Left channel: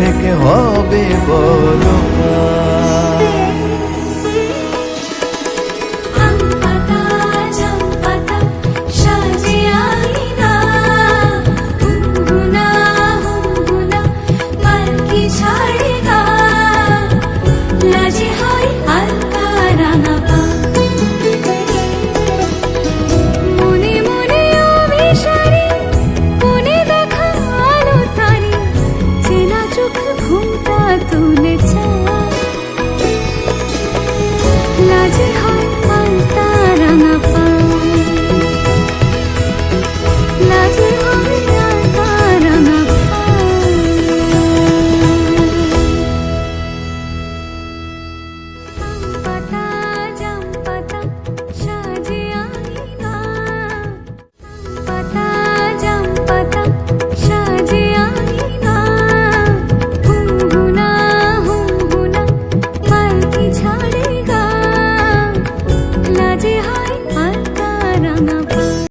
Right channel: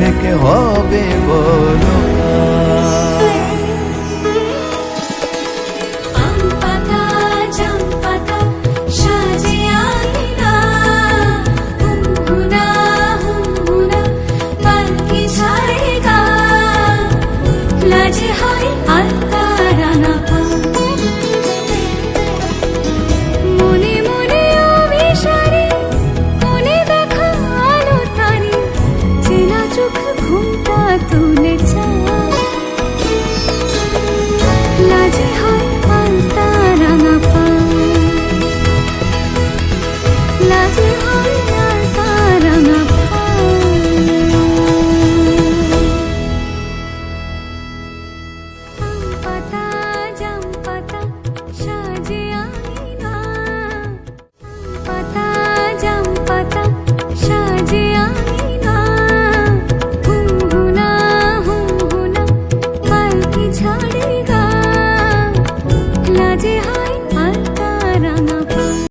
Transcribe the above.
থেকে হবে বলো ঘুমটা তুলে লাজে হয় আলতা রাঙা পা লাজে হয় আলতা রাঙা পা পাতা জাম পাতা সাজে আইনা পাতা জাম পাতা সাজে আইনা ছাড়েগা লাজে হয় আলতা রাঙা